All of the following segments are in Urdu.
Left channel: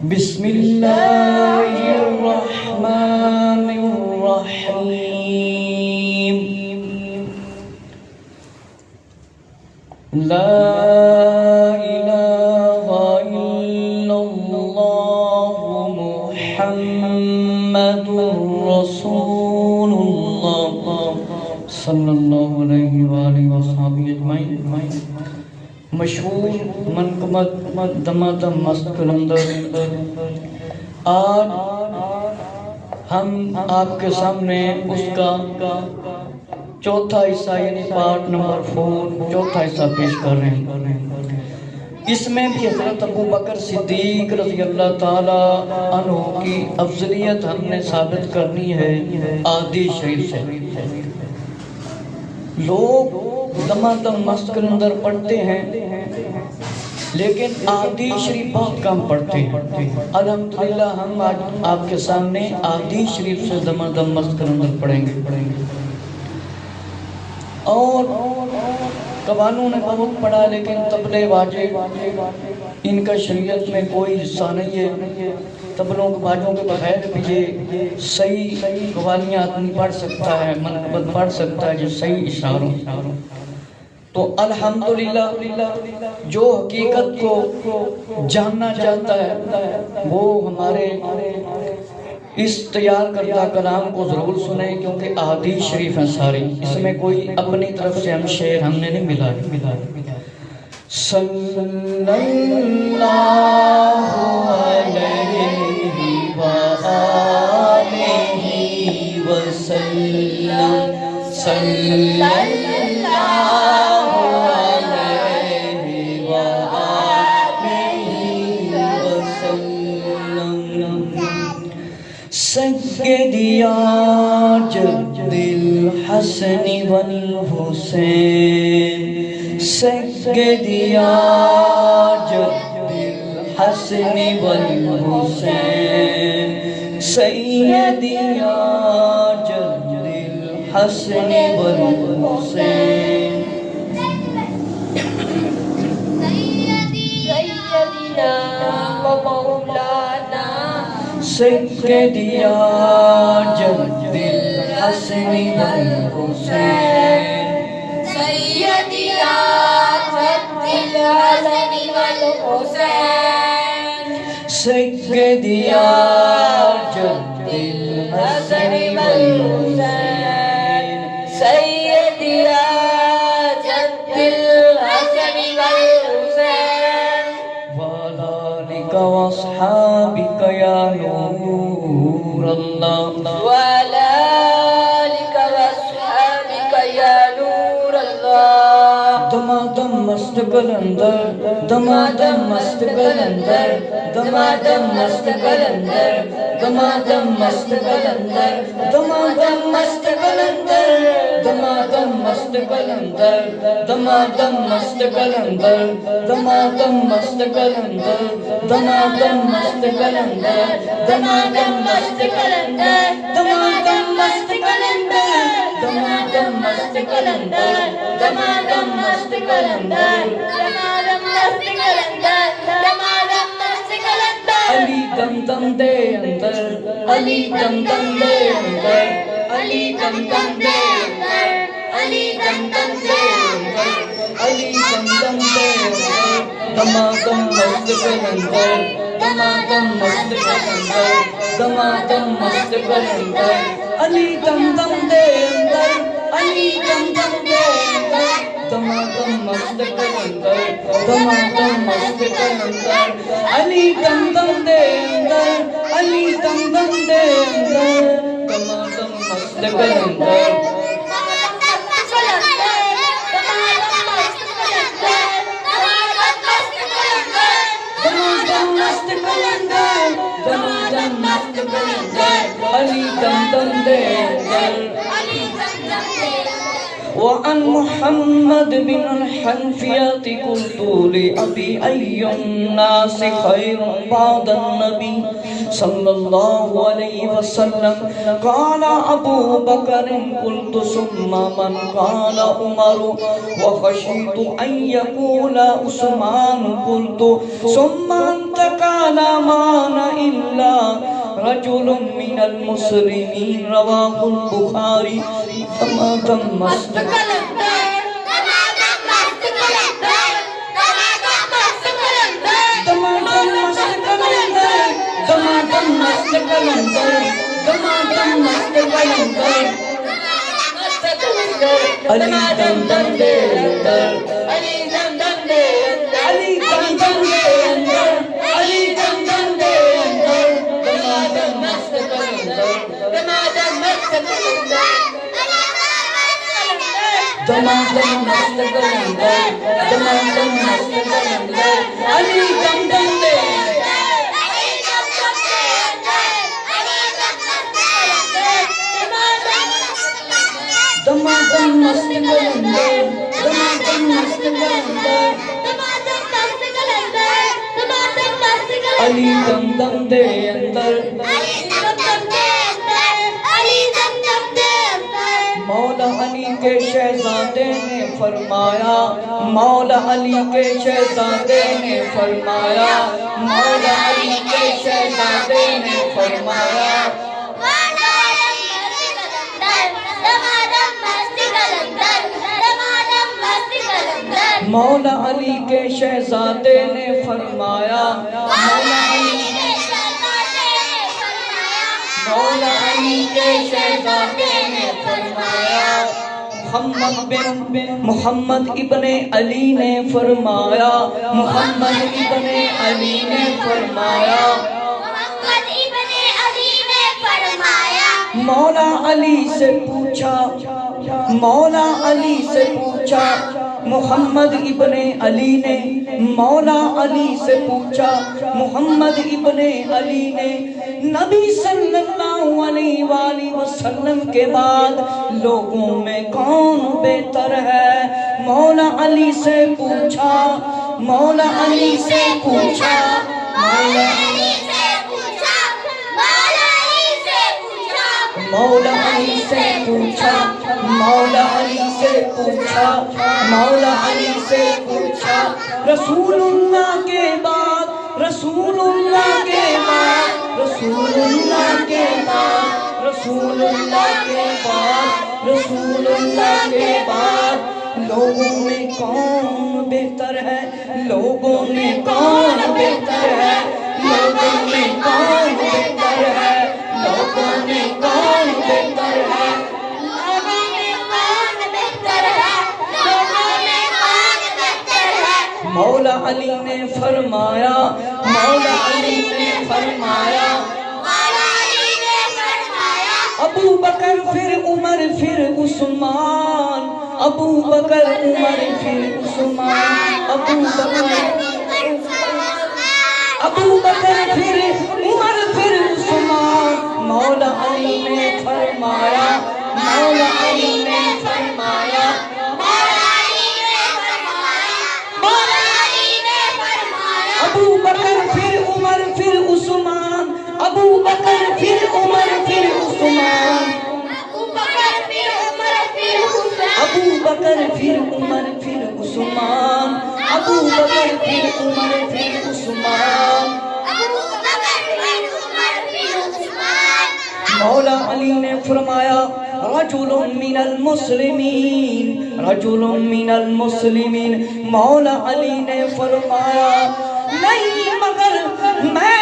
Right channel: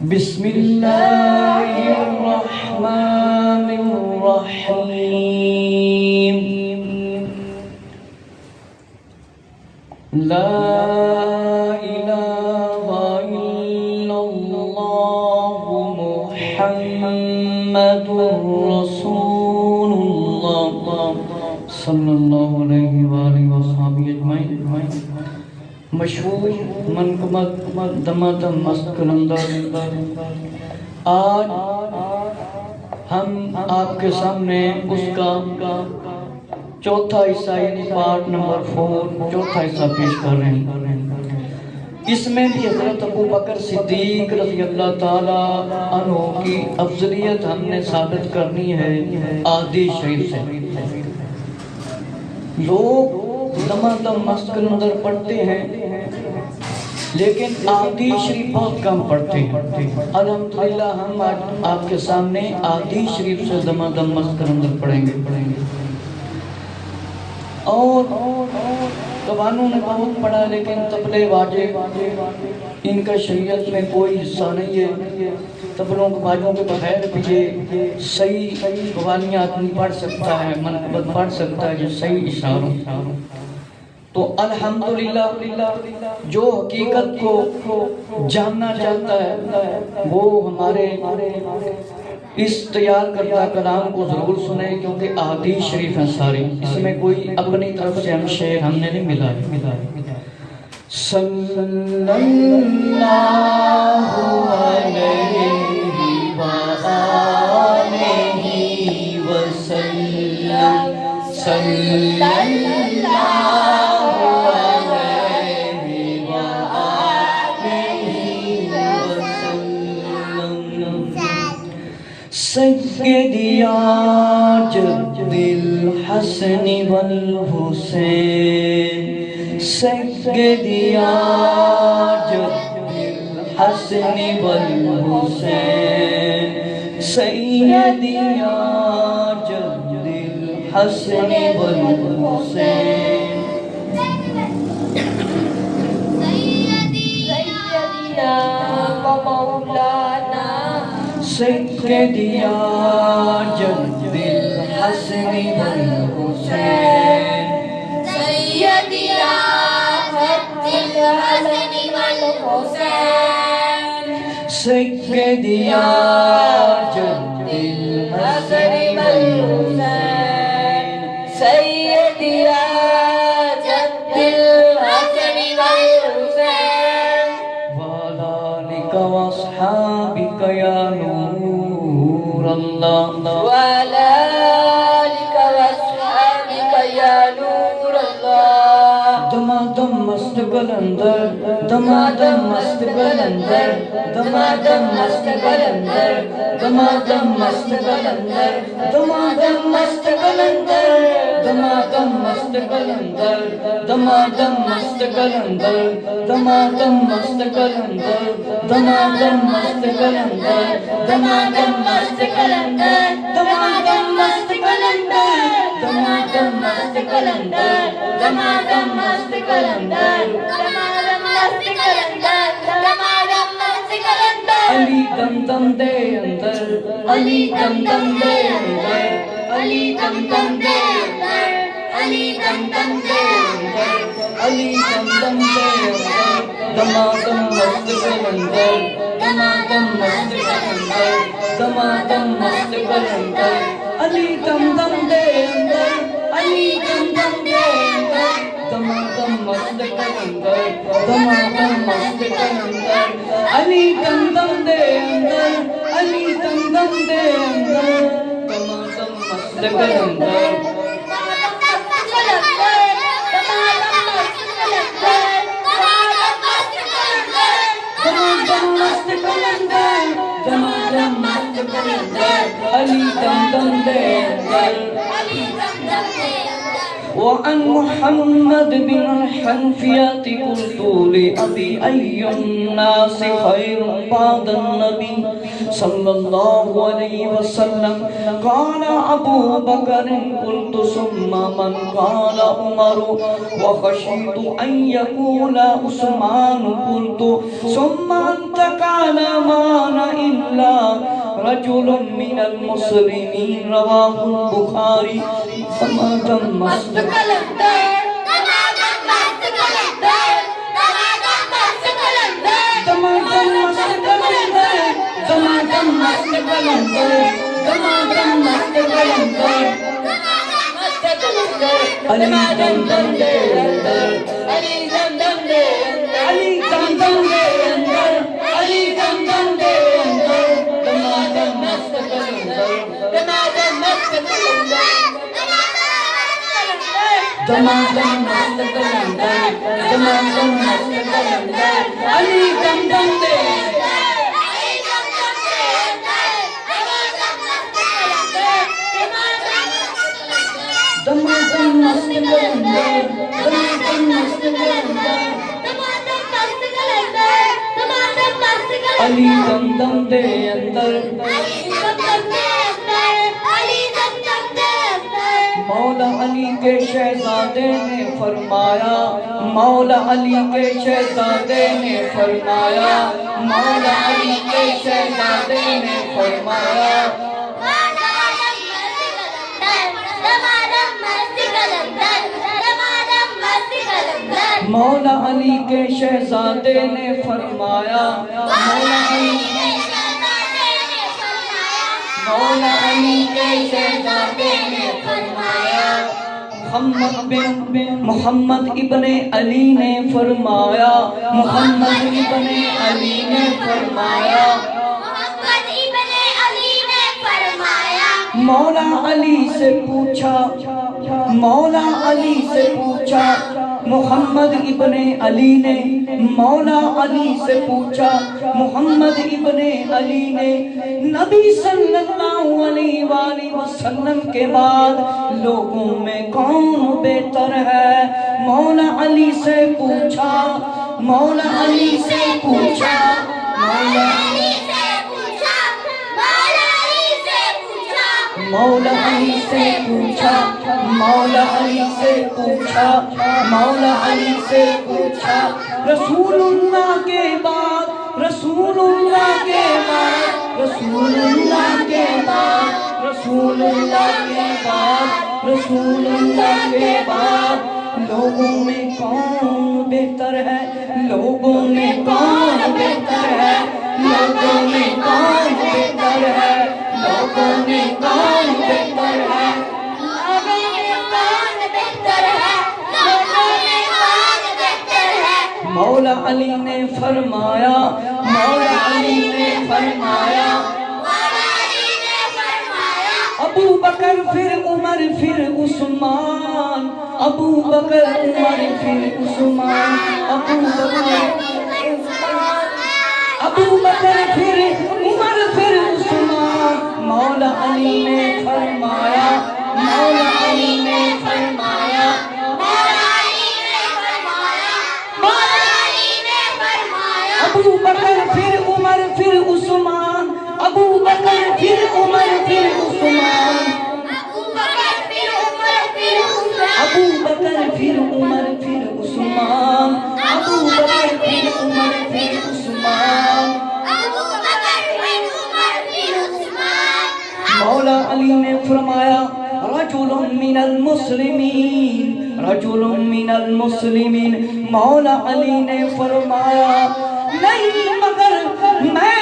بسم اللہ الرحمن الرحیم لا الہ الا اللہ محمد رسول اللہ صلی اللہ علیہ وآلہ وصحبہ اجمعین۔ مشہور منقبت دمادم مست کلندر، آج ہم آپ کے سامنے اس کا چوتھا حصہ یعنی پارٹ نمبر 4 چوتھا حصہ پیش کر رہے ہیں۔ اس میں بھی حضرت ابو بکر صدیق رضی اللہ تعالی عنہ کی افضلیت ہم نے ثابت کرنی ہے احادیث شریف سے۔ لوگ دمادم مست کلندر پڑھتے ہیں لیکن احادیث شریف بہت کم پڑھتے ہیں۔ الحمدللہ ہم آج آپ کے سامنے احادیث شریف سے دمادم مست کلندر پڑھیں گے۔ اور قوانوں نے بہت پڑھا لیکن طبلے واجب ان کا شریعت میں کوئی حصہ نہیں ہے۔ طبلوں کو باجوں کے بغیر بھی یہ صحیح قوالیاں آدمی پڑھ سکتا ہے، منقبت پڑھ سکتا ہے جو صحیح اشاروں۔ تو الحمدللہ جو حقیقت کو جاننا چاہتا ہے وہ ہمارے اس تیار کردہ کلام کو ضرور سنیں، کیونکہ احادیث شریف ہیں ساری، اس میں کوئی اپنی طرف سے ہم شعر ہم نے نہیں ملا۔ صلی اللہ علیہ وآلہ وسلم، صلی اللہ سیدی جد الحسن والحسین، سیدی جد الحسن والحسین، سیدی جد الحسن والحسین، سیدی جد الحسن والحسین، سیدی جد الحسن والحسین، سیدی جد الحسن والحسین، سیدی جد الحسن والحسین، وعلی آلک واصحابک یا نور اللہ، وعلی آلک واصحابک یا نور اللہ، دمادم مست کلندر، دمادم مست کلندر، دمادم مست کلندر، دمادم مست کلندر، دمادم مست کلندر، دمادم مست کلندر، دمادم مست کلندر، دمادم مست کلندر، دمادم مست کلندر، دمادم مست کلندر، دمادم مست کلندر، دمادم مست کلندر، دمادم مست کلندر، علی دم دم دے اندر، علی دم دم دے اندر، علی دم دم دے اندر، علی دم دم دے اندر، علی دم دم دے اندر، دمادم مست کلندر، دمادم مست کلندر، دمادم مست کلندر، علی دم دم دے اندر، علی دم دم دے اندر، دمادم مست کلندر، دمادم مست کلندر، علی دم دم دے اندر، علی دم دم دے اندر، دمادم مست کلندر، دمادم مست کلندر، دمادم مست کلندر، علی دم دم دے اندر۔ وعن محمد بن الحنفیة قلت لأبي أي الناس خير بعد النبي صلی اللہ علیہ وسلم قال ابو بکر قلت ثم من قال عمر وخشیت ان يقول عثمان قلت ثم انت قال مان الا رجل من المسلمین رواہ البخاری تمام مست علی دم دم دے اندر علی دم دم دے اندر علی دم دم دے اندر علی دم دم دے اندر دمادم مست کلندر دمادم مست کلندر دمادم مست کلندر دمادم مست کلندر علی دم دم دے دمادم مست کلندر دمادم مست کلندر علی دم دم دے اندر مولا علی کے شہزادے نے فرمایا مولا علی کے شہزادے نے فرمایا مولا علی کے شہزادے نے فرمایا مولا علی کے شہزادے نے فرمایا مولا علی کے شہزادے نے فرمایا محمد ابن علی نے فرمایا محمد ابن علی نے فرمایا مولا علی سے پوچھا مولا علی سے پوچھا محمد ابن علی نے مولا علی سے پوچھا محمد ابن علی نے نبی صلی اللہ علیہ وآلہ وسلم کے بعد لوگوں میں کون بہتر ہے مولا علی سے پوچھا مولا علی سے پوچھا مولا علی سے پوچھا مولا علی سے پوچھا مولا علی سے پوچھا مولا علی سے پوچھا رسول اللہ کے بعد رسول اللہ کے بعد رسول اللہ کے بعد رسول اللہ کے بعد رسول اللہ کے بعد لوگوں میں کون بہتر ہے لوگوں میں کون بہتر ہے لوگوں میں کون بہتر ہے لوگوں میں کون بہتر ہے مولا علی نے فرمایا مولا علی نے فرمایا ابو بکر پھر عمر پھر عثمان ابو بکر عمر پھر عثمان ابو بکر پھر عمر پھر عثمان مولا علی نے فرمایا مولا علی نے فرمایا ابو بکر پھر عمر پھر عثمان ابو بکر پھر عمر پھر عثمان ابو بکر پھر عمر پھر عثمان ابو بکر پھر عمر پھر عثمان مولا علی نے فرمایا رجل من المسلمین رجل من المسلمین مولا علی نے فرمایا نہیں مگر میں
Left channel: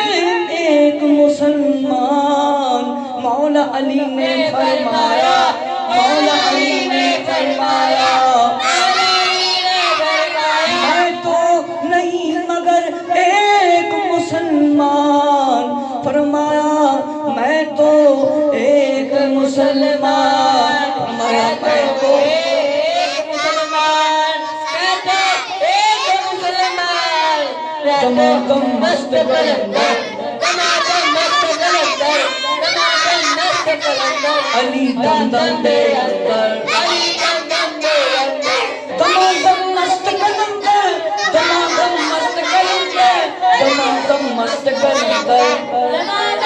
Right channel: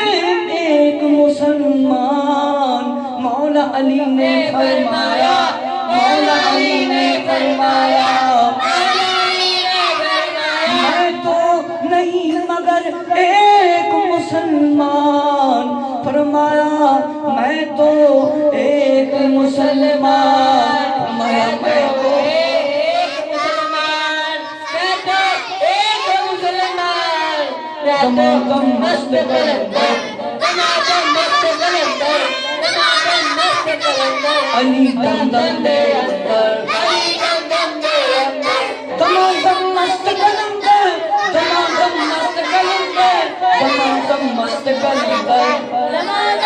ایک مسلمان مولا علی نے فرمایا مولا علی نے فرمایا میں تو نہیں مگر ایک مسلمان فرمایا میں تو ایک مسلمان فرمایا میں تو دمادم مست کلندر علی دم دم دے اندر دمادم مست کلندر دمادم مست کلندر دمادم مست کلندر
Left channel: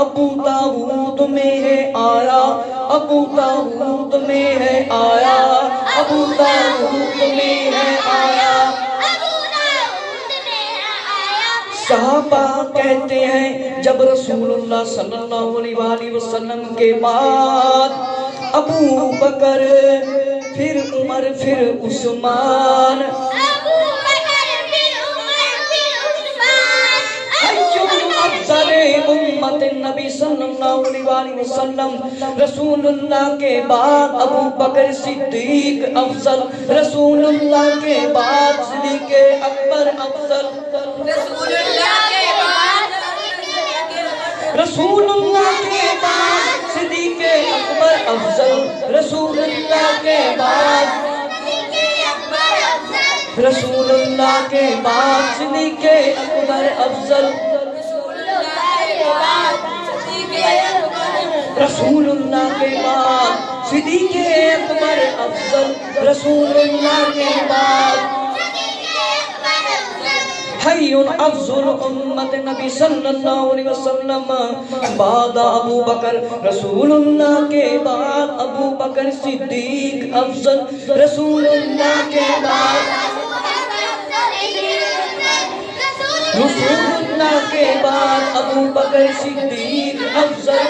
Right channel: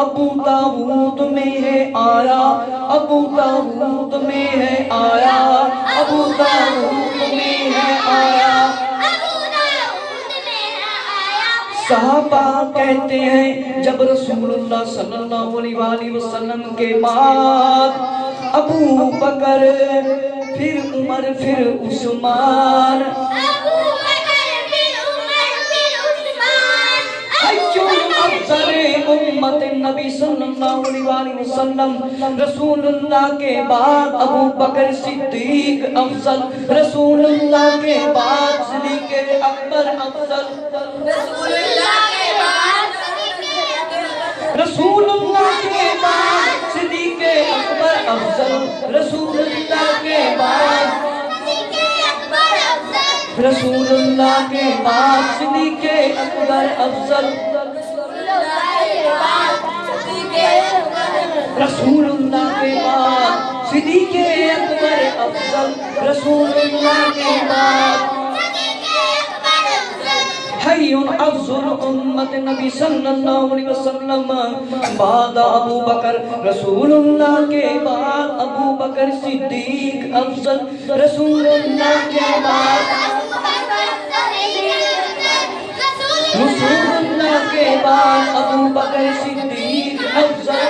ابو داؤد میں ہے آیا، ابو داؤد میں ہے آیا، ابو داؤد میں ہے آیا۔ صحابہ کہتے ہیں جب رسول اللہ صلی اللہ علیہ وآلہ وسلم کے بعد ابو بکر، پھر عمر، پھر عثمان، امت نبی صلی اللہ علیہ وآلہ وسلم، رسول اللہ کے بعد ابو بکر صدیق افضل، رسول اللہ کے بعد صدیق اکبر افضل، رسول اللہ کے بعد رسول اللہ کے بعد صدیق اکبر افضل، رسول اللہ کے بعد، رسول اللہ کے بعد صدیق اکبر افضل، رسول اللہ کے بعد صدیق اکبر افضل، رسول اللہ کے بعد حی افضل امت نبی صلی اللہ علیہ وسلم بعد ابو بکر، رسول اللہ کے بعد ابو بکر صدیق افضل، رسول اللہ کے بعد، رسول اللہ کے بعد ابو بکر صدیق افضل،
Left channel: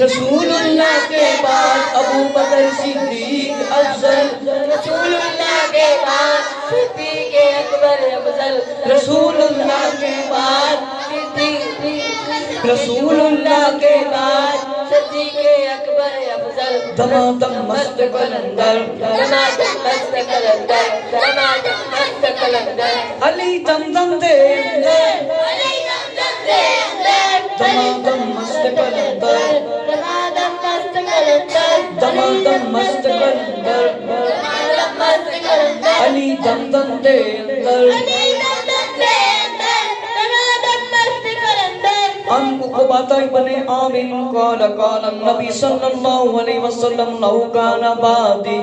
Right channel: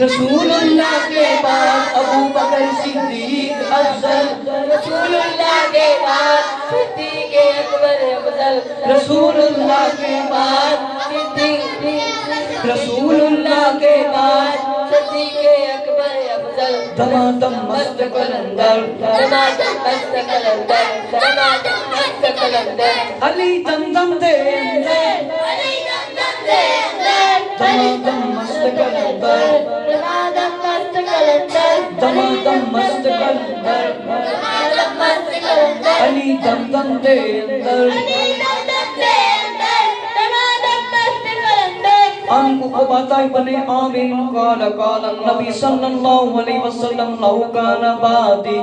رسول اللہ کے بعد ابو بکر صدیق افضل، رسول اللہ کے بعد صدیق اکبر افضل، رسول اللہ کے بعد، رسول اللہ کے بعد صدیق اکبر افضل، دمادم مست قلندر، دمادم مست قلندر، دمادم مست قلندر، علی دمدم دے اندر، علی دمدم دے اندر، دمادم مست قلندر، دمادم مست قلندر، دمادم مست قلندر، دمادم مست قلندر، علی دمدم دے اندر، علی دمدم دے اندر، دمادم مست قلندر۔ عن عقبہ ابن عامر قال قال النبی صلی اللہ علیہ وسلم لو کان بعدی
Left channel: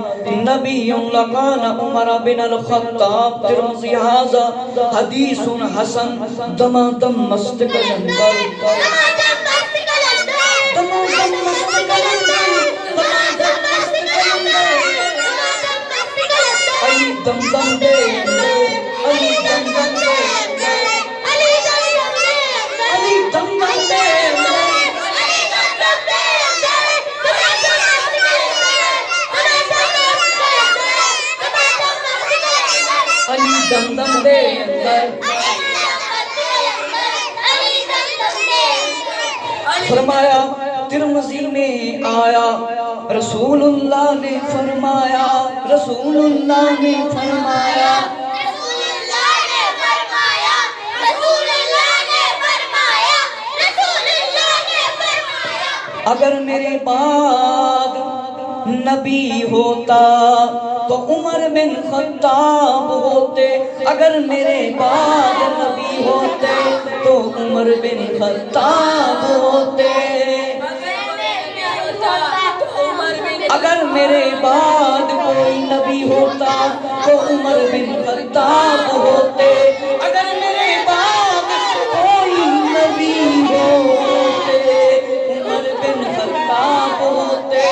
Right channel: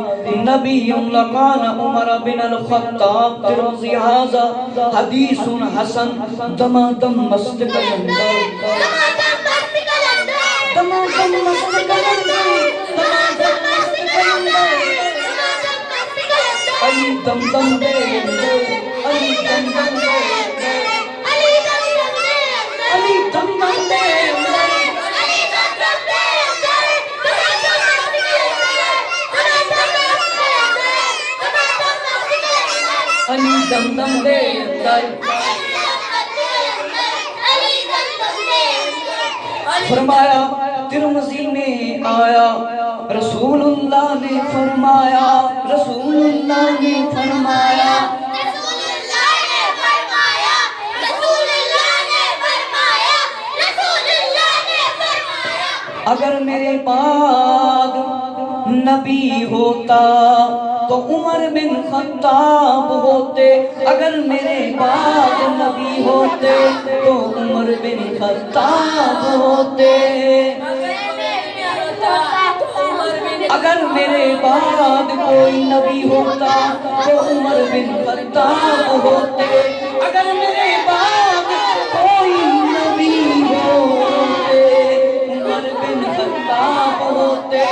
نبی لکان عمر بن الخطاب، ترمذی ھذا حدیث حسن، دمادم مست قلندر، دمادم مست قلندر، دمادم مست قلندر، دمادم مست قلندر، علی دمدم دے اندر، علی دمدم دے اندر، علی دمدم دے اندر، علی دمدم دے اندر، علی دمدم دے اندر، دمادم مست قلندر، علی دمدم دے اندر۔ فرمایا ترمذی میں آیا، رسول اللہ نے فرمایا، رسول اللہ نے فرمایا، رسول اللہ نے فرمایا، رسول اللہ نے فرمایا، رسول اللہ نے فرمایا، اگر میرے بعد نبی ہوتا تو عمر بن خطاب ہوتے، اگر میرے بعد نبی ہوتے تو عمر بن خطاب ہوتے، اگر میرے بعد کوئی نبی ہوتا تو عمر بن خطاب ہوتے، اگر میرے بعد کوئی نبی ہوتے عمر بن خطاب ہوتے،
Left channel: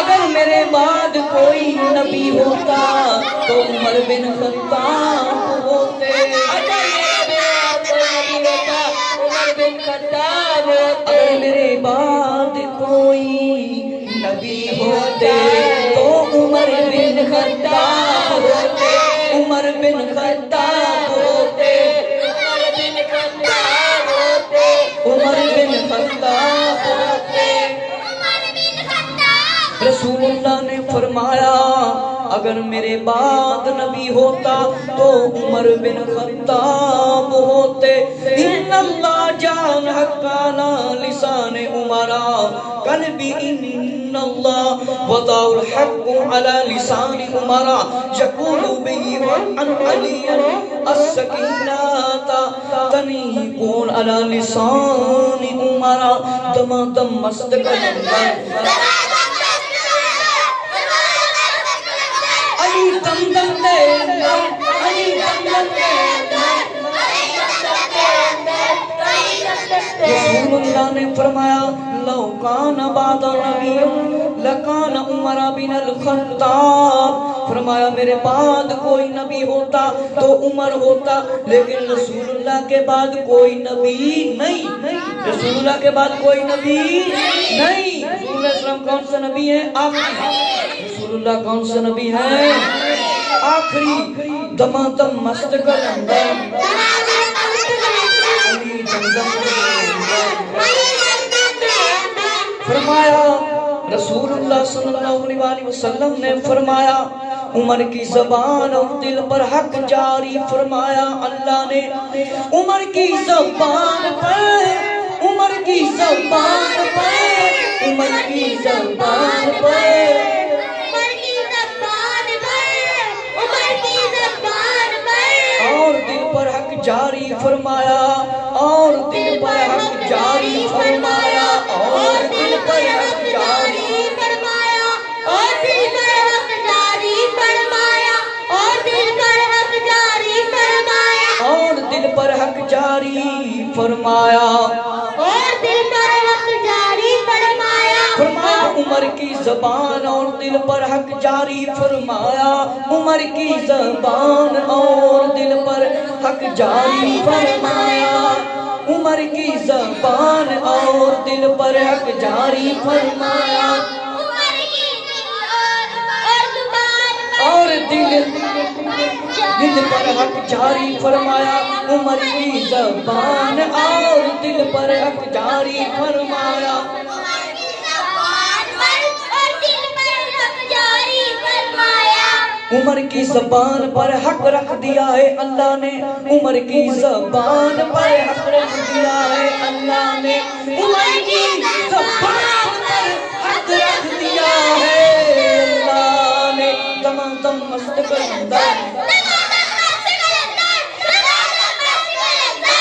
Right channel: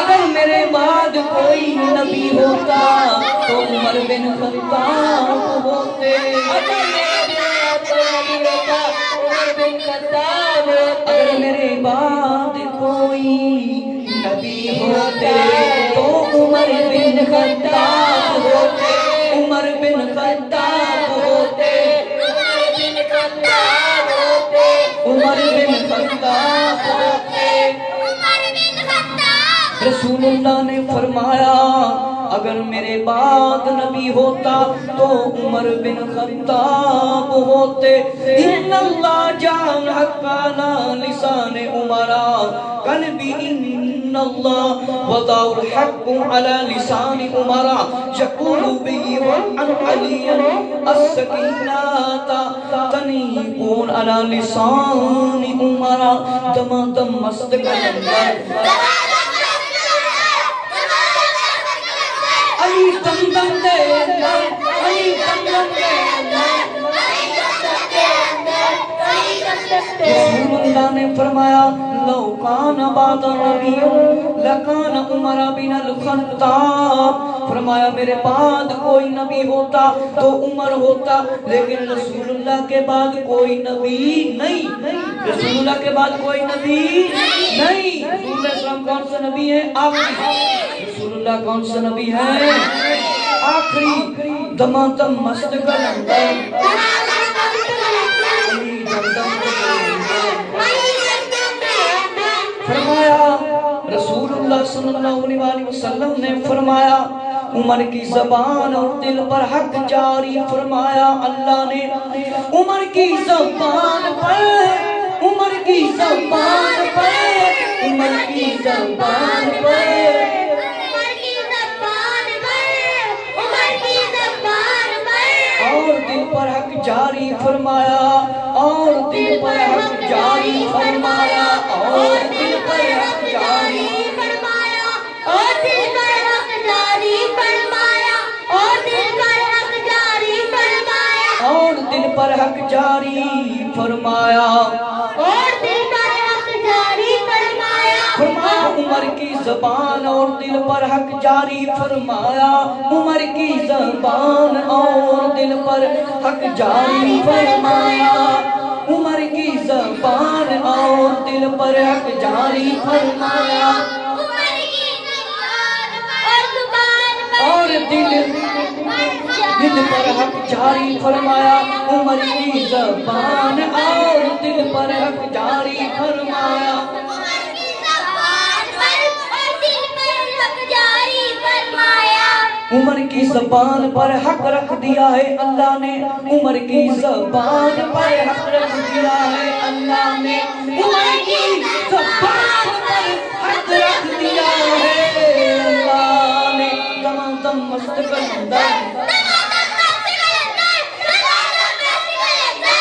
اگر میرے بعد کوئی نبی ہوتا تو عمر بن خطاب ہوتے، اگر میرے بعد کوئی نبی ہوتے تو عمر بن خطاب ہوتے، عمر بن خطاب ہوتے، عمر بن خطاب ہوتے۔ رسول اللہ نے فرمایا اگر میرے بعد نبی ہوتا تو عمر بن خطاب ہوتے، ان اللہ جعل حقنا لسان عمرا قلبی، ان اللہ وضع الحق على لسان عمرا یقول به وعن علی السکینات تنیقون على لسان عمرا، دمادم مست قلندر، علی دم دے اندر علی دم دے اندر رسول اللہ نے فرمایا لو کان بعد نبی لکان عمر بن الخطاب، فرمایا میرے بعد کوئی نبی ہوتا تو عمر ہوتا، لیکن رسول اللہ کے بعد کوئی نبی نہیں، رسول اللہ کے بعد کوئی نبی نہیں۔ رسول اللہ علیہ وسلم کون سا نبی ہے؟ آخری۔ رسول اللہ کون سا نبی ہے؟ آخری۔ دمادم مست کلندر فرمایا رسول اللہ صلی اللہ علیہ وسلم نے فرمایا عمر کی زبان اور دل پر حق جاری فرمایا اللہ نے، عمر کی زبان پر، عمر کی زبان پر، عمر کی زبان پر، اور دل پر حق جاری فرمایا، اور دل پر حق جاری فرمایا، اور دل پر حق جاری فرمایا، اور دل پر حق جاری فرمایا، اور دل پر حق جاری فرمایا، اور دل پر حق جاری فرمایا، اور دل پر حق جاری فرمایا، فرمایا عمر کی زبان اور دل پر حق جاری فرمایا، عمر کی زبان اور دل پر حق جاری فرمایا، عمر کی زبان اور دل پر حق جاری فرمایا، اور دل پر حق جاری فرمایا، عمر کی زبان اور دل پر حق جاری فرمایا، عمر کی زبان پر حق رکھ دیا ہے اللہ نے، عمر کی زبان پر حق رکھ دیا ہے اللہ نے، عمر کی زبان پر حق رکھ دیا ہے اللہ نے۔ دمادم مست کلندر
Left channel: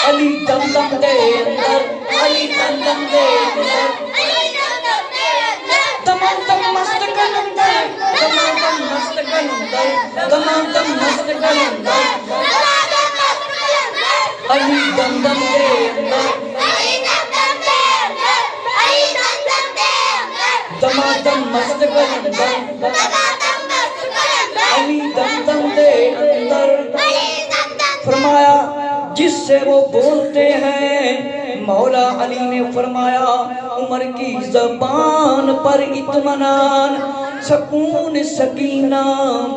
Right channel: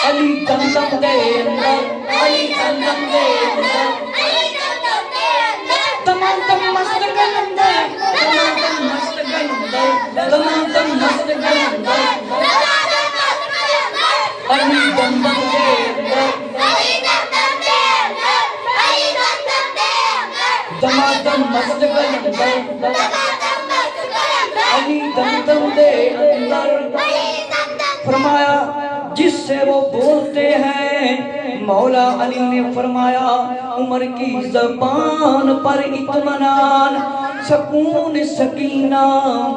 علی دم دم دے اندر علی دم دم دے اندر دمادم مست کلندر دمادم مست کلندر دمادم مست کلندر علی دم دم دے اندر دمادم مست کلندر علی دم دم دے اندر۔ فرمایا جس سے وہ بولتے ہیں، مولا علی نے فرمایا عمر کی زبان پر اطمینان سکون سکینہ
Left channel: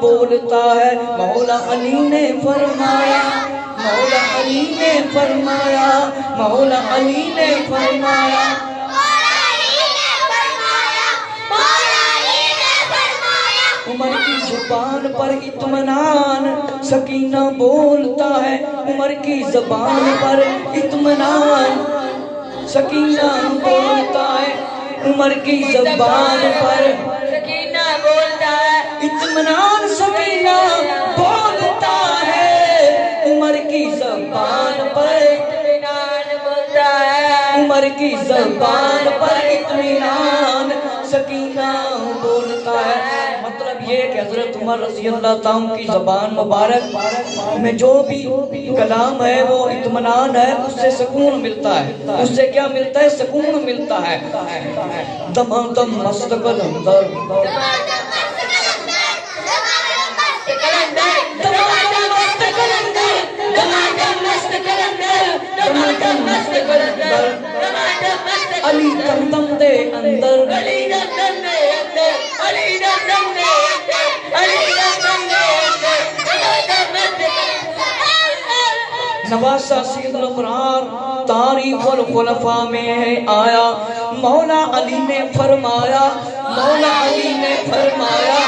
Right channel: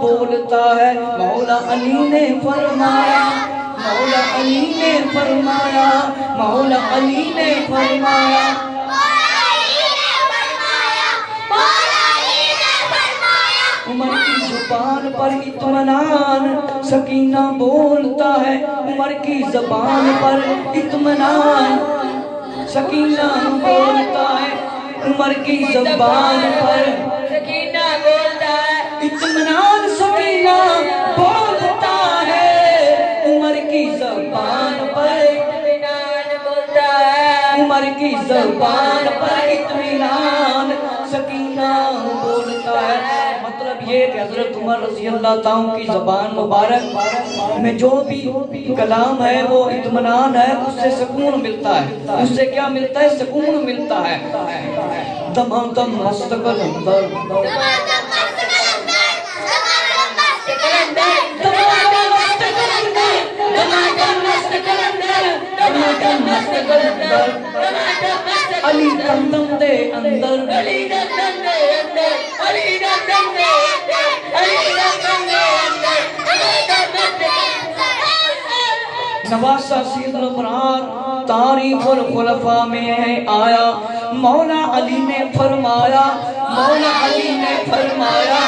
بولتا ہے، مولا علی نے فرمایا، مولا علی نے فرمایا، مولا علی نے فرمایا، عمر کی زبان پر اطمینان سکینہ بولتا ہے، عمر کی زبان پر اطمینان سکینہ بولتا ہے، عمر کی زبان پر سکینہ بولتا ہے، اطمینان سکینہ بولتا ہے، عمر کی زبان پر اطمینان بولتا ہے، عمر کی زبان پر اطمینان سکینہ بولتا ہے۔ مطلب یہ کہ حضرت عمر رضی اللہ تعالیٰ کی زبان مبارک میں جو بھی کلام ہے وہ اطمینان ہے، اس سے سکون ملتا ہے، اس سے کیا ملتا ہے؟ سکون ملتا ہے۔ دمادم مست کلندر علی دم دم دے اندر نواسہ سید الابرار تاریخ الخلفاء میں ہے آیا، مولا علی نے فرمایا، مولا علی نے فرمایا،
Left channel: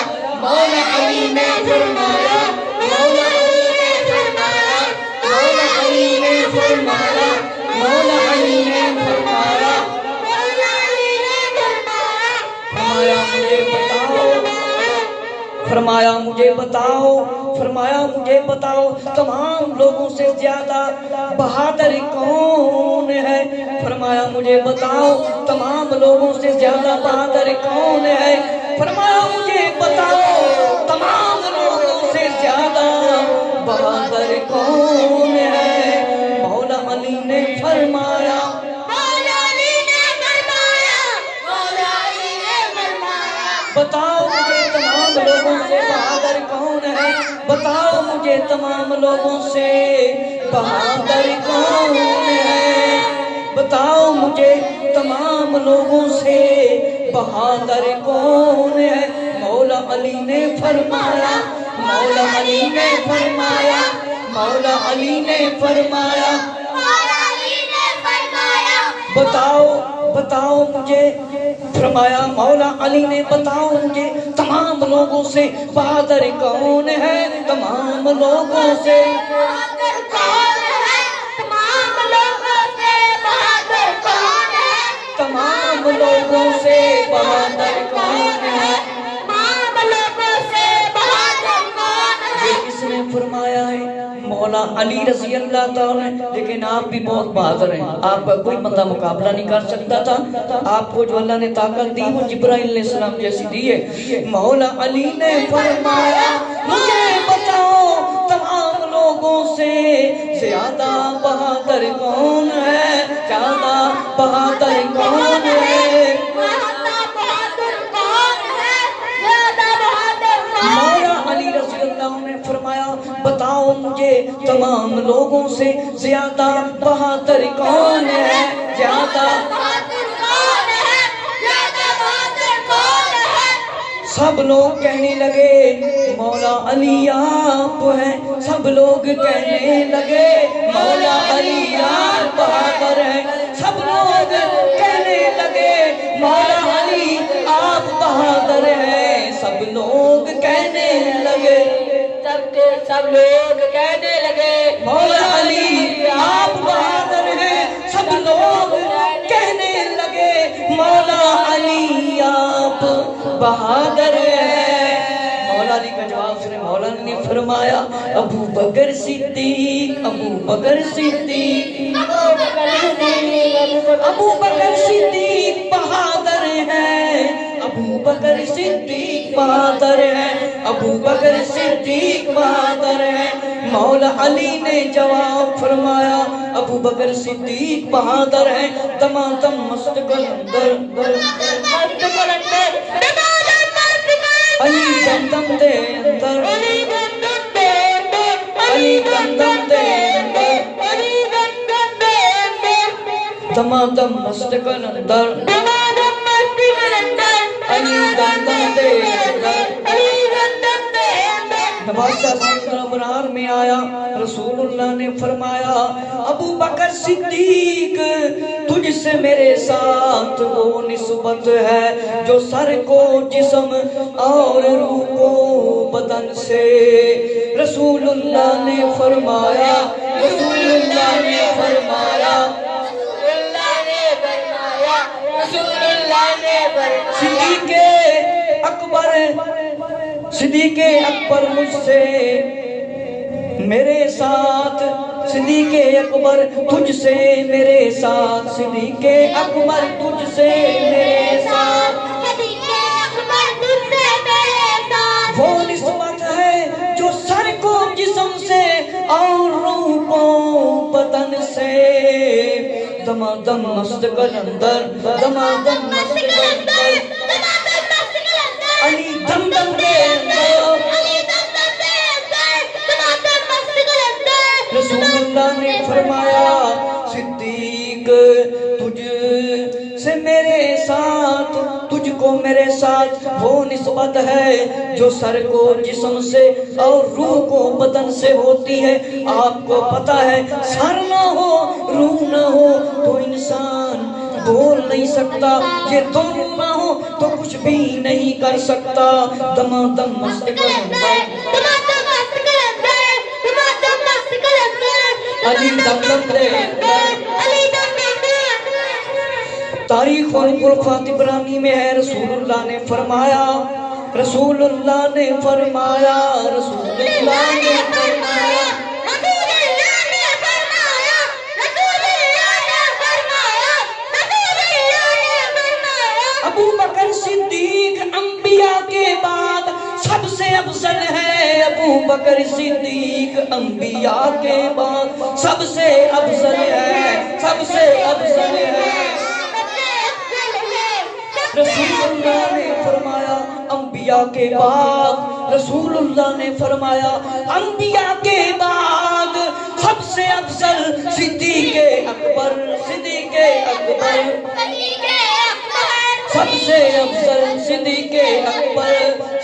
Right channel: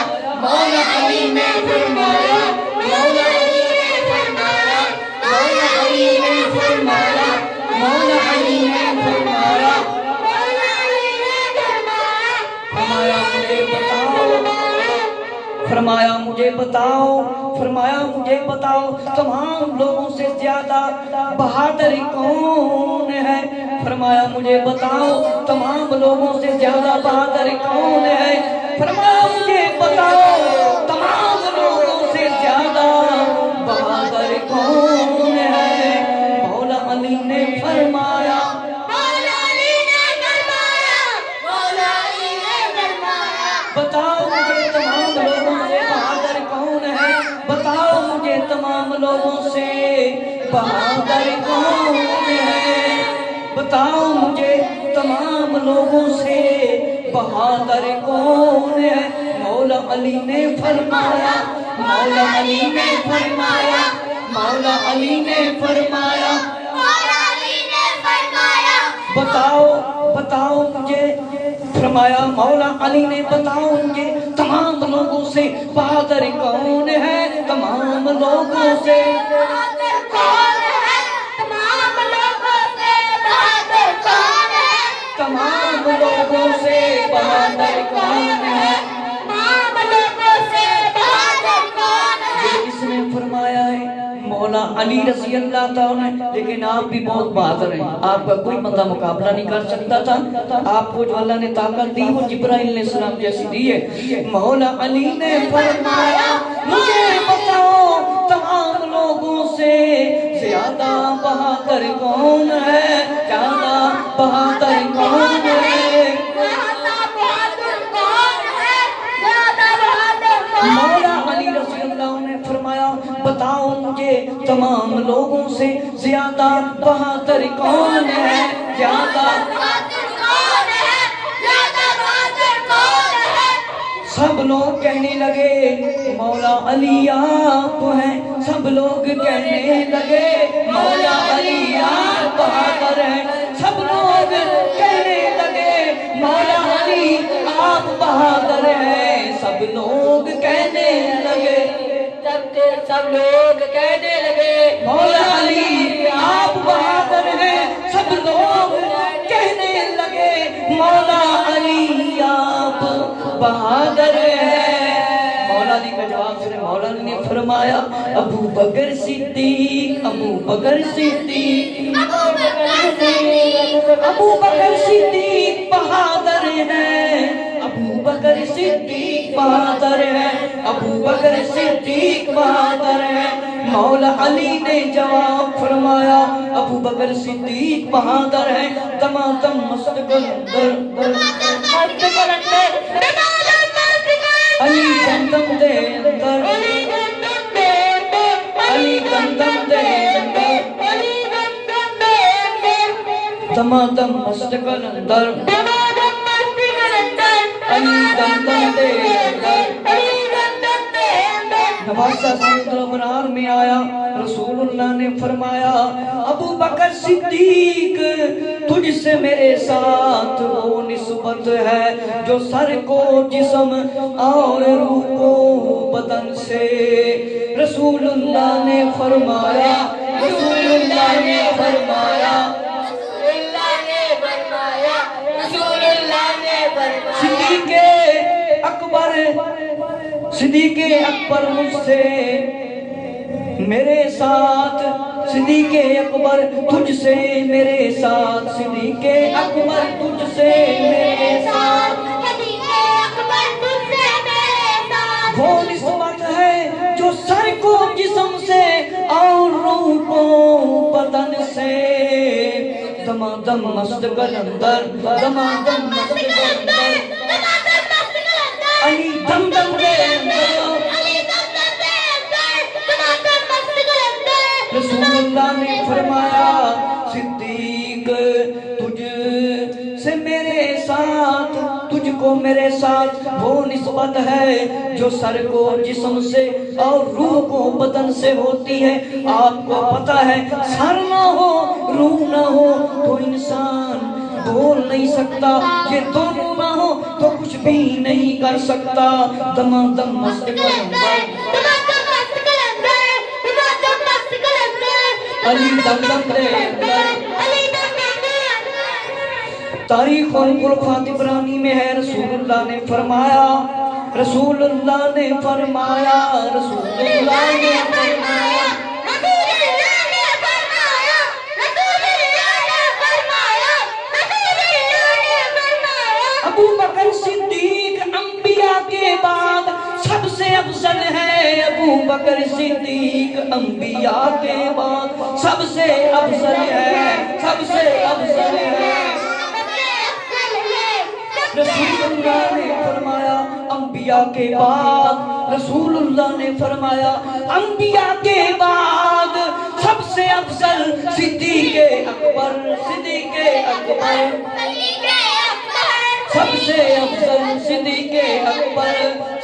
مولا علی نے فرمایا، مولا علی نے فرمایا، مولا علی نے فرمایا، مولا علی نے فرمایا، فرمایا مجھے بتاؤ، فرمایا مجھے بتاؤ تمام لوگوں سے زیادہ بہادر کون ہے؟ فرمایا مجھے بتاؤ تمام لوگوں سے زیادہ بہادر کون ہے؟ فرمایا مجھے بتاؤ تمام لوگوں بتاؤ مجھے تمام لوگوں سے بہادر کون ہے، بتاؤ مجھے تمام لوگوں سے بہادر کون ہے۔ مولا علی نے فرمایا، مولا علی نے فرمایا، مولا علی نے فرمایا، بتاؤ بتاؤ مجھے، فرمایا مولا علی نے بتاؤ مجھے تمام لوگوں سے بہادر کون ہے، تمام لوگوں سے تمام لوگوں سے بہادر کون ہے۔ اس نے فرمایا ہے مولا علی رضی اللہ تعالیٰ، لیکن آپ بھی بہت بہادر ہیں، آپ کا کوئی بندہ مقابلہ نہیں کر سکتا تھا، آپ کو جو اللہ نے طاقت دی وہ جبرائیل علیہ السلام جیسی دی ہے۔ مولا علی نے فرمایا مجھے بتاؤ تمام لوگوں سے زیادہ بہادر کون ہے، زیادہ بہادر کون ہے۔ مولا علی رضی اللہ نے فرمایا بتاؤ مجھے تمام لوگوں سے زیادہ بہادر کون ہے، زیادہ سب لوگ کہنے لگے مولا علی آپ ہیں، سب لوگ کہنے لگے مولا علی آپ بہادر ہیں، سب لوگ کہنے لگے مولا علی آپ بہادر ہیں، سب لوگ کہنے لگے، سب لوگ کہنے لگے مولا علی آپ بہادر ہیں، سب لوگ کہنے لگے مولا علی آپ بہادر ہیں۔ مولا علی کا جواب سنے، مولا علی نے فرمایا ابو بکر صدیق، ابو بکر صدیق، ابو بکر صدیق بہادر ہیں، ابو بکر صدیق بہادر ہیں، ابو بکر صدیق بہادر ہیں۔ مولا علی نے جواب فرمایا ابو بکر صدیق بہادر ہیں، دمادم مست قلندر، علی گندم دے اندر، علی گندم دے اندر، دمادم مست قلندر، علی گندم دے اندر۔ نواسہ سیدنا ابرار میں آیا، رسول اللہ نے فرمایا ابو بکر صدیق تجھ سے میرے ساتھ وہ نسبت ہے جو سر کو جسم اور روح کو بدن سے۔ رسول اللہ نے فرمایا، رسول اللہ نے فرمایا، صدیق اکبر، صدیق اکبر مجھ سے میرے ساتھ، صدیق اکبر تجھ سے میرے ساتھ، صدیق اکبر تجھ سے میرے ساتھ، وہ نسبت ہے جو سر کو جسم سے اور روح کو بدن سے۔ دمادم مست قلندر، دمادم مست قلندر، علی دم دم دے اندر، رسول اللہ نے فرمایا صدیق تجھ سے میرے ساتھ، تجھ کو میرے ساتھ وہ نسبت ہے جو سر کو جسم سے اور روح کو بدن سے ہوتی ہے۔ آپ کو پتہ ہے سر نہ ہو روح نہ ہو تو انسان بول نہیں سکتا، یہ دونوں نہ ہو تو کچھ بھی نہیں کر سکتا۔ دمادم مست قلندر، علی دم دم دے اندر۔ تاریخ اور عرفات ابراہیمی میں ہے، رسول اللہ نے فرمایا، رسول اللہ نے فرمایا، رسول اللہ نے فرمایا، ابو بکر صدیق انبیاء کے بعد سب سے افضل ہے، ابو بکر صدیق انبیاء کے بعد سب سے افضل ہے، سب سے افضل ہے۔ رسول اللہ نے فرمایا انبیاء کے بعد رسول اللہ نے فرمایا انبیاء کے بعد سب سے افضل صدیق اکبر، صدیق اکبر، سب سے افضل صدیق اکبر،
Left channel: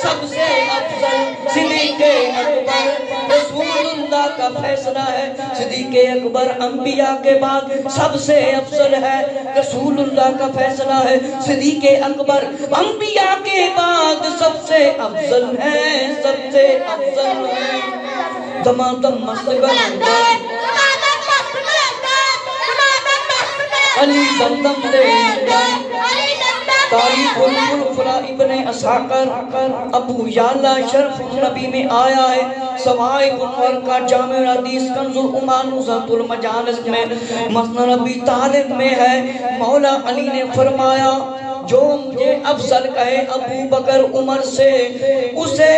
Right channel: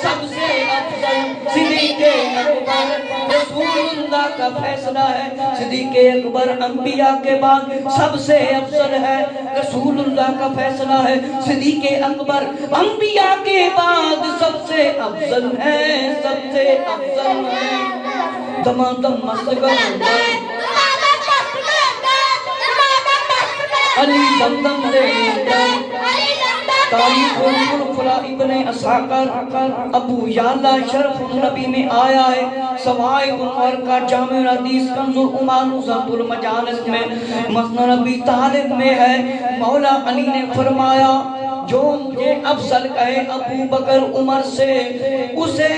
سب سے افضل صدیق اکبر۔ رسول اللہ کا فیصلہ ہے صدیق اکبر انبیاء کے بعد سب سے افضل ہے، رسول اللہ کا فیصلہ ہے صدیق اکبر انبیاء کے بعد سب سے افضل ہے، سب سے افضل ہے۔ دمادم مستقل علی دمدم دے تاریخ الفلا ابن اسحاقر ابو یعلا شرف النبی میں آیا ہے، سوائے انور کا جامع حدیث کنز الایمان نزہۃ المجالس میں مسند ابی طالب میں ہے، مولا علی نے فرمایا جو مجھے افضل کہے ابو بکر عمر سے اسے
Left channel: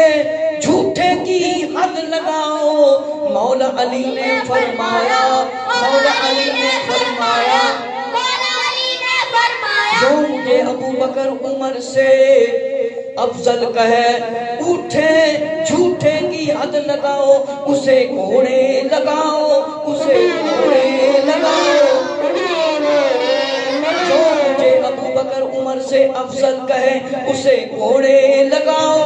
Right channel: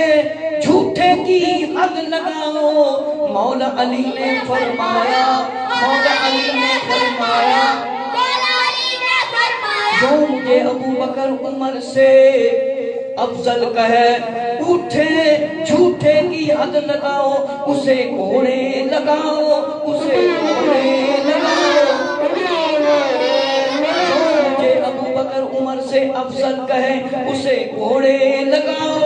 جھوٹے کی حد لگاؤ۔ مولا علی نے فرمایا، مولا علی نے فرمایا جو مجھے ابو بکر عمر سے افضل کہے اٹھے جھوٹے کی حد لگاؤ، اسے گھوڑے لگاؤ، اسے گھوڑے لگاؤ۔ جو مجھے ابو بکر عمر سے افضل کہے اسے گھوڑے لگاؤ،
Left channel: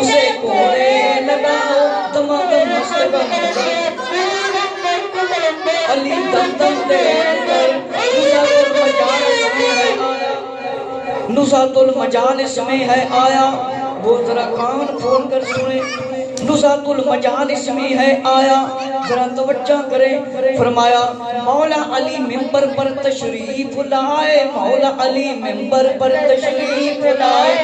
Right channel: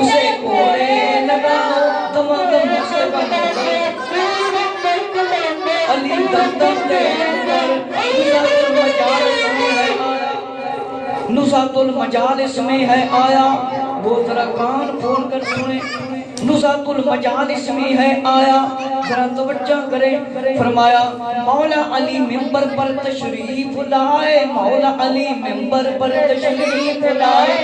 اسے گھوڑے لگاؤ۔ دمادم مستقل علی دمدم دے نزہۃ المجالس میں ہے آیا، وہ ذرا کان کھول کر سنیں، نزہۃ المجالس میں ہے آیا، ذرا توجہ کریں۔ فرمایا مولا علی منبر پر تشریف لائے، مولا علی منبر پر تشریف لائے،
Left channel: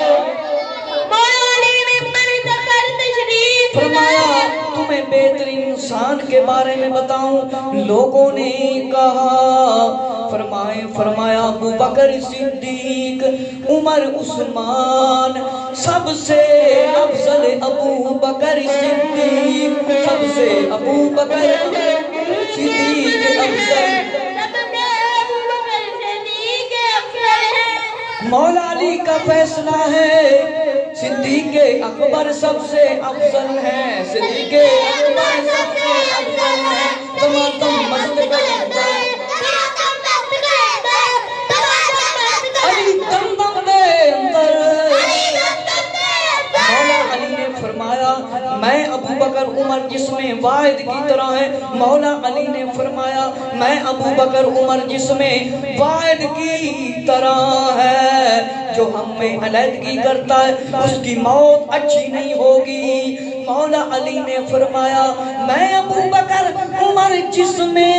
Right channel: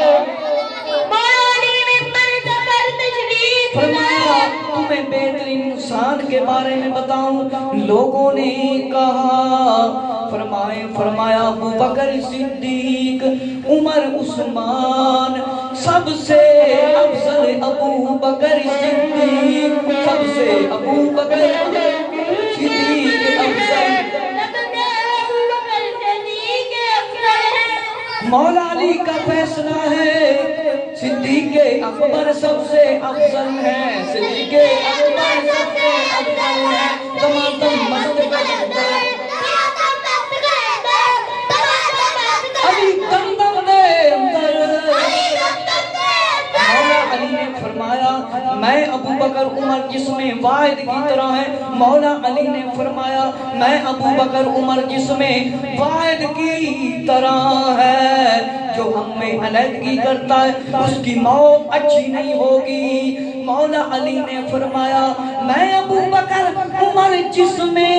فرمایا تمہیں بہترین انسان کے بارے میں بتاؤں، لوگوں نے کہا، فرمایا ابو بکر صدیق، عمر، عثمان، سب سے افضل ابو بکر صدیق، سب سے ابو بکر صدیق افضل۔ مولا علی کا فیصلہ ہے صدیق اکبر سب سے افضل ہے، صدیق اکبر سب سے افضل ہے۔ تمام مستقل علی دمدم دے اندر مولا علی نے فرمایا میں ابو بکر عمر جس میں واحد کی طرح ہے، مولا علی نے فرمایا میں ابو بکر عمر جس میں واحد کی طرح ہے، جو ہم میں علیحدگی کرتا ہے اس کی موت اچھی نہیں ہوگی۔ مولا علی نے فرمایا میں ابو بکر عمر جس میں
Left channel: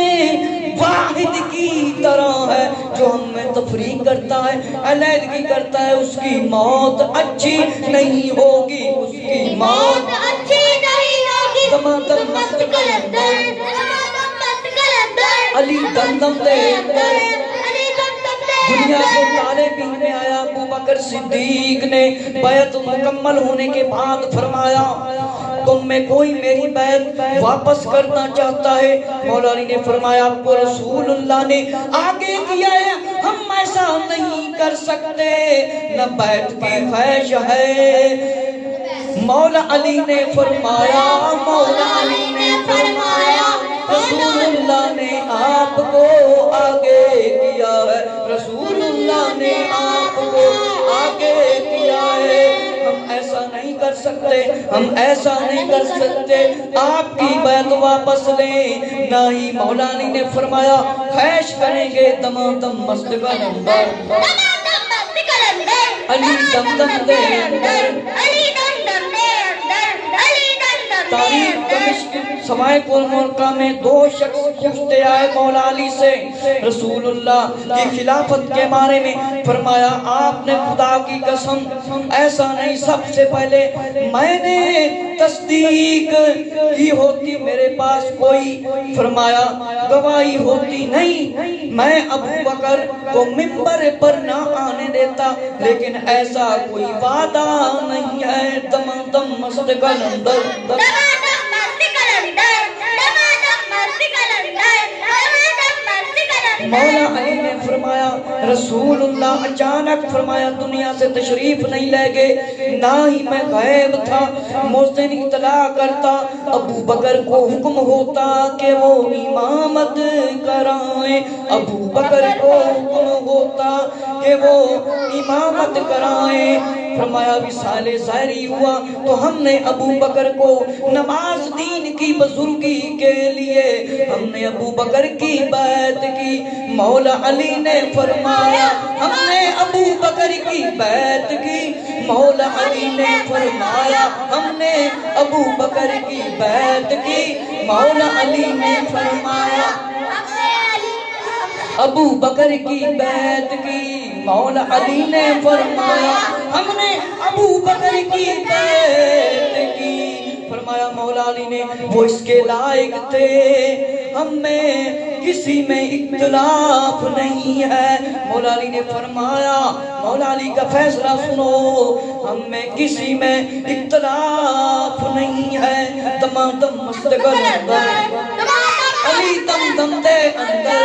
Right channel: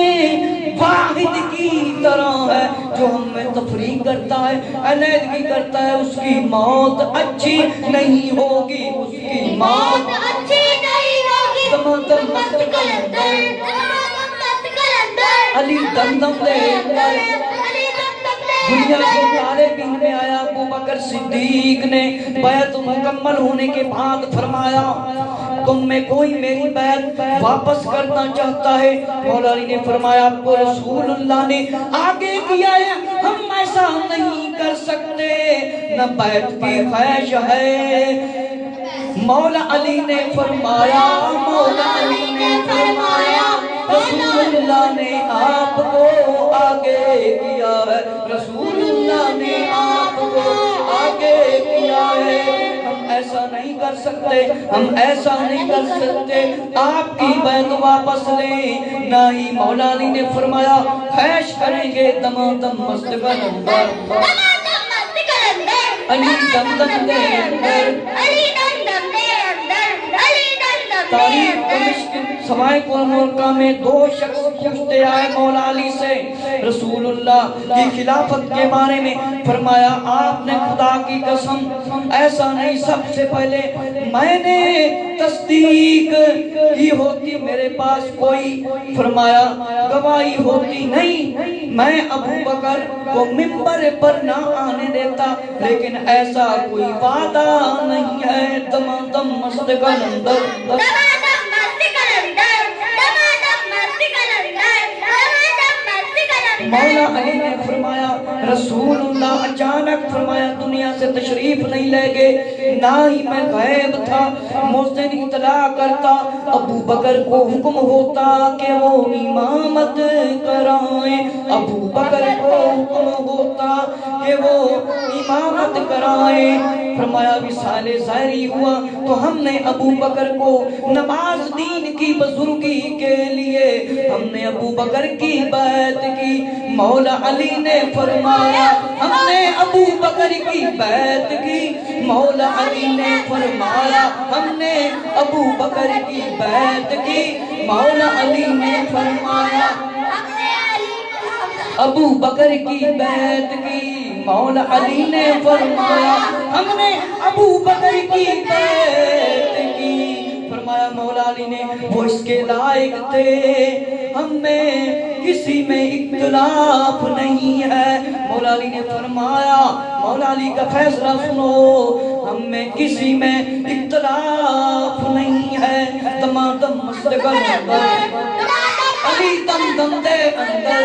واحد کی طرح ہے، جو ہم میں تفریق کرتا ہے، علیحدگی کرتا ہے، اس کی موت اچھی نہیں ہوگی، اس کی موت اچھی نہیں ہوگی۔ دمادم مستقل علی دمدم دے دنیا کو تارے پینے آیا، ابو بکر صدیق نے بیعت مکمل ہونے کے بعد فرمایا تم میں کوئی میری بیعت واپس کرنا چاہتا ہے؟ مولا علی نے فرمایا آپ کو رسول اللہ نے آگے کیا ہے، ہم ایسا نہیں کر سکتے، نہ بیعت کی خواہش ہے۔ مولا علی نے فرمایا، مولا علی نے فرمایا رسول اللہ نے آپ کو آگے کیا ہے، رسول اللہ نے آپ کو آگے کیا ہے، ہم ایسا نہیں کر سکتے، ہم ایسا نہیں کر سکتے، آپ کی بیعت واپس لیں۔ نہ ہی مولا علی نے فرمایا خواہش کریں گے۔ دمادم مستقل اندر علی دمدم دے اندر تاریخ دمشق سوائے مرکہ میں دو شخص پوچھتے آئے مولا علی سے رسول اللہ کی خلافت کے بارے میں، فرمایا آپ نے خدا کی قسم ایسا نہیں، سب سے پہلے میں نے تصدیق کی ہوتی، میرے پاس کوئی فرمایا گواہی ہوتی نہیں، میں ابو بکر کو منبر پر نہ آنے دیتا، لیکن ایسا کوئی وعدہ نہیں ہے۔ دمادم مستقل اندر مولا علی نے فرمایا رسول اللہ اچانک فرمایا دنیا سے تشریف نہیں لے گئے، نہ ہی میں غائب تھا۔ مؤذن اطلاع کرتا، ابو بکر کو حکم ہوتا کہ وہ امامت کرائیں، ابو بکر کو حکم ہوتا کہ وہ امامت کرائیں۔ فرمایا وصال ظاہری ہوا تو ہم نے ابو بکر کو نماز دین کی بزرگی کے لیے ہم نے ابو بکر کی بیعت کی۔ مولا علی نے فرمایا ہم نے ابو بکر کی بیعت کی، مولا علی نے فرمایا ہم نے ابو بکر کی بیعت کی، مولا علی نے فرمایا ابو بکر کی بیعت کی، مولا علی نے فرمایا ہم نے ابو بکر کی بیعت کی۔ فرمایا مولا علی نے وہ اس کے لائق تھے، ہم میں کسی میں اختلاف نہیں ہے۔ مولا علی نے فرمایا مولا علی کا فیصلہ سنو، ہم میں کسی میں اختلاف نہیں ہے۔ دم دم مستقل اندر علی دم دم دے اندر،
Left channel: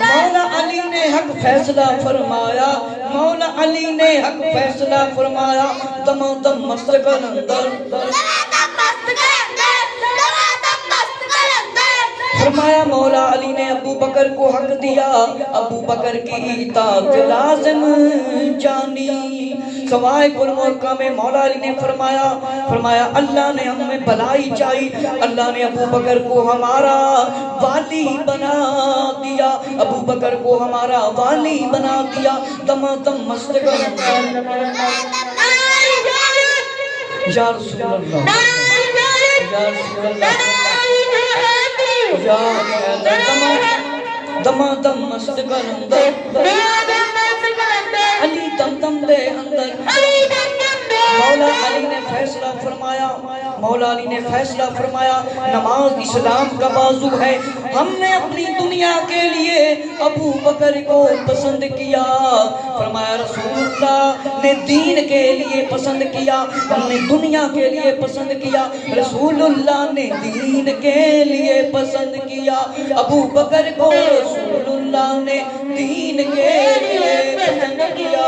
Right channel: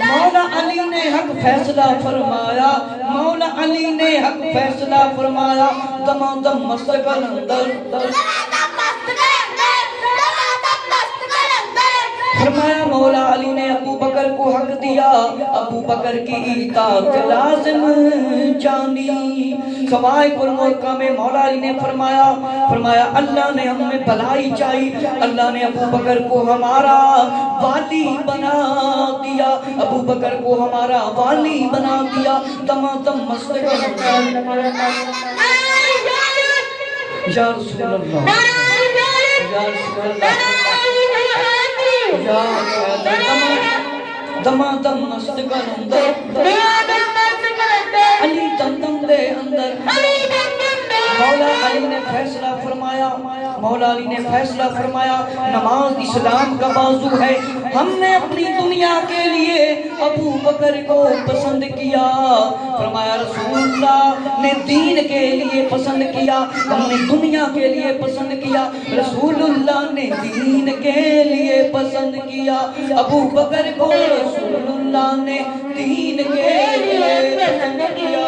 مولا علی نے حق فیصلہ فرمایا، مولا علی نے حق فیصلہ فرمایا۔ دم دم مستقل اندر فرمایا مولا علی نے ابو بکر کو حق دیا، ابو بکر کی اطاعت لازم جانی۔ قواعد الملکہ میں مولا علی نے فرمایا اللہ نے ہمیں بھلائی چاہی، اللہ نے ابو بکر کو ہمارا والی بنا دیا، ابو بکر کو ہمارا والی بنا دیا۔ دم دم مستقل یا رسول اللہ یا رسول اللہ دم دم مستقل اندر علی دم دم دے اندر۔ مولا علی نے فیصلہ فرمایا، مولا علی نے فیصلہ فرمایا نماز اسلام کا بازو ہے، ہم نے اپنی دنیا کے لیے ابو بکر کو پسند کیا۔ فرمایا رسول اللہ نے دین کے لیے پسند کیا، ہم نے دنیا کے لیے پسند کیا، رسول اللہ نے دین کے لیے پسند کیا۔ ابو بکر کو رسول اللہ نے دین کے لیے پسند کیا،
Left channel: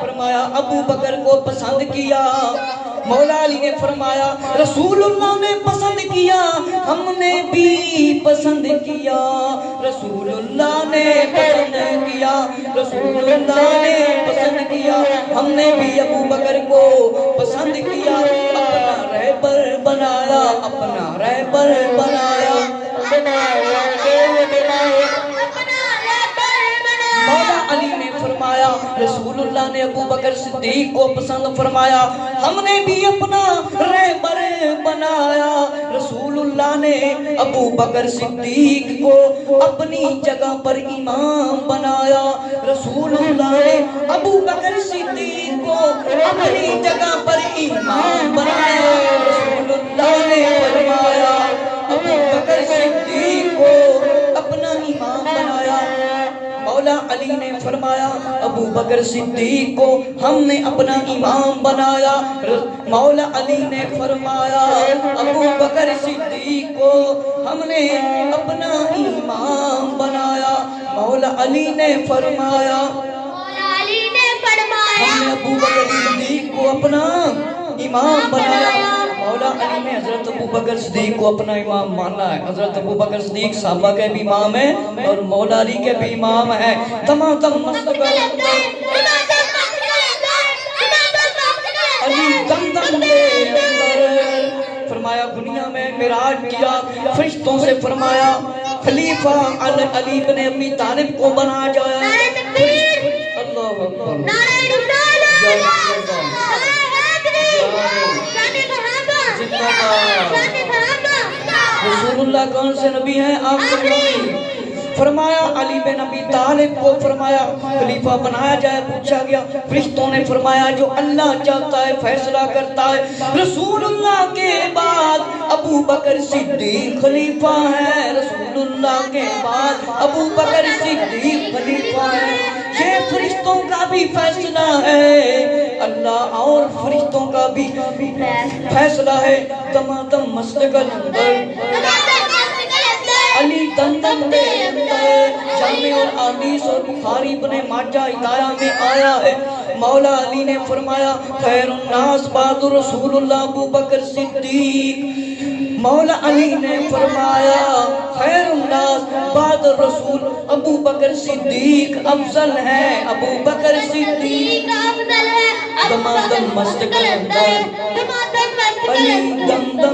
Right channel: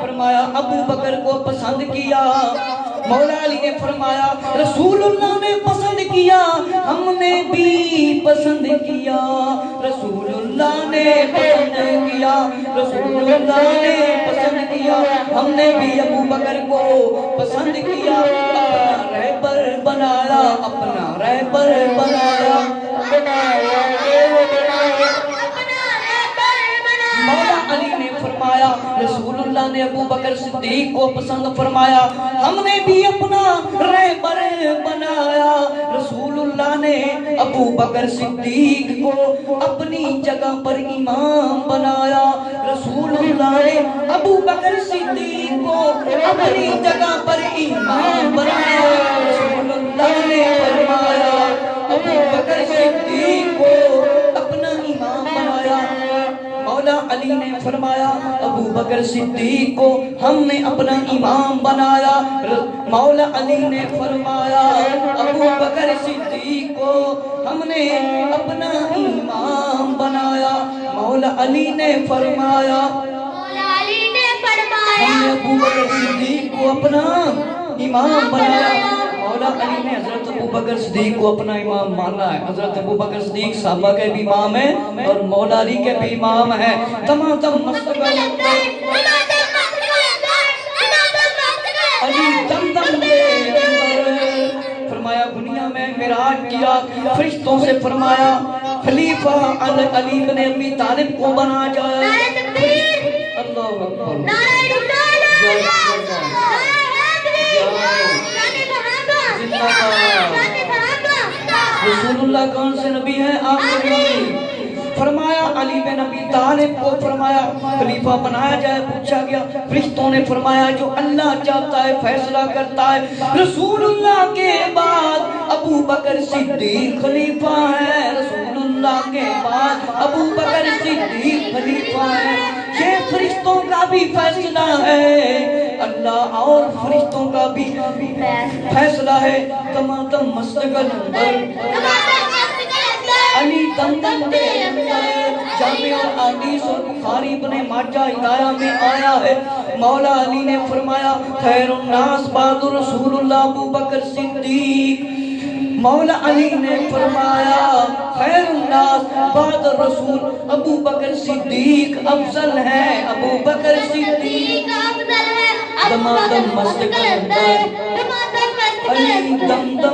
فرمایا ابو بکر کو پسند کیا۔ مولا علی نے فرمایا رسول اللہ نے پسند کیا، ہم نے بھی پسند کیا، رسول اللہ نے پسند کیا، رسول اللہ نے پسند کیا، ہم نے بھی ابو بکر کو پسند کیا، اپنا رہبر بنایا، اپنا رہبر بنایا۔ مولا علی نے فرمایا رسول اللہ نے ابو بکر صدیق کو پسند فرمایا، ہم نے بھی اپنا رہبر بنایا، رسول اللہ نے ابو بکر صدیق کو اپنی جگہ پر امام بنایا، رسول اللہ نے ابو بکر صدیق کو اپنی جگہ پر امام بنایا، رسول اللہ نے فرمایا ابو بکر صدیق کو اپنا امام بنایا۔ مولا علی نے فرمایا ابو بکر صدیق کو ہم نے اپنا امام بنایا، مولا علی نے فرمایا ابو بکر صدیق کو ہم نے اپنا امام بنایا، مولا علی نے فرمایا ہم نے ابو بکر صدیق کو اپنا امام بنایا۔ مولا علی نے حضرت ابو بکر صدیق کو اپنا امام مانا ہے۔ حضرت ابو بکر صدیق صحابہ کے بھی امام ہیں اور مولا علی کے بھی امام ہیں۔ تمام مستقبل علی دم دم دے اندر فرمایا دنیا میں معراج کیا، فرشتوں سے فرمایا خلیفہ علی بن ابی طالب کو بنا جایا۔ اللہ اکبر رسول اللہ کون سے نبی ہیں؟ آپ نبی۔ فرمایا علی بن ابی طالب کو فرمایا خلیفہ بنایا جائے، پوچھا گیا، فرشتوں نے فرمایا جو اللہ چاہتا ہے فیصلہ کرتا ہے، رسول اللہ کے بعد ابو بکر صدیق خلیفہ ہے، رسول اللہ کے بعد ابو بکر صدیق خلیفہ ہے، یہ فرشتوں کا بھی فیصلہ ہے، اللہ اور فرشتوں کا بھی فیصلہ ہے۔ تمام مستقل علی دم دم دے اندر میں اور حدیث اور بخاری ابن ماجہ ہدایہ میں آیا ہے، مولا علی نے فرمایا خیر الناس بعد رسول اللہ ابو بکر صدیق، مولا علی نے فرمایا خیر الناس بعد رسول ابو بکر صدیق افضل ہے، ابو بکر صدیق افضل ہے، دمادم مست کلندر، علی دم دم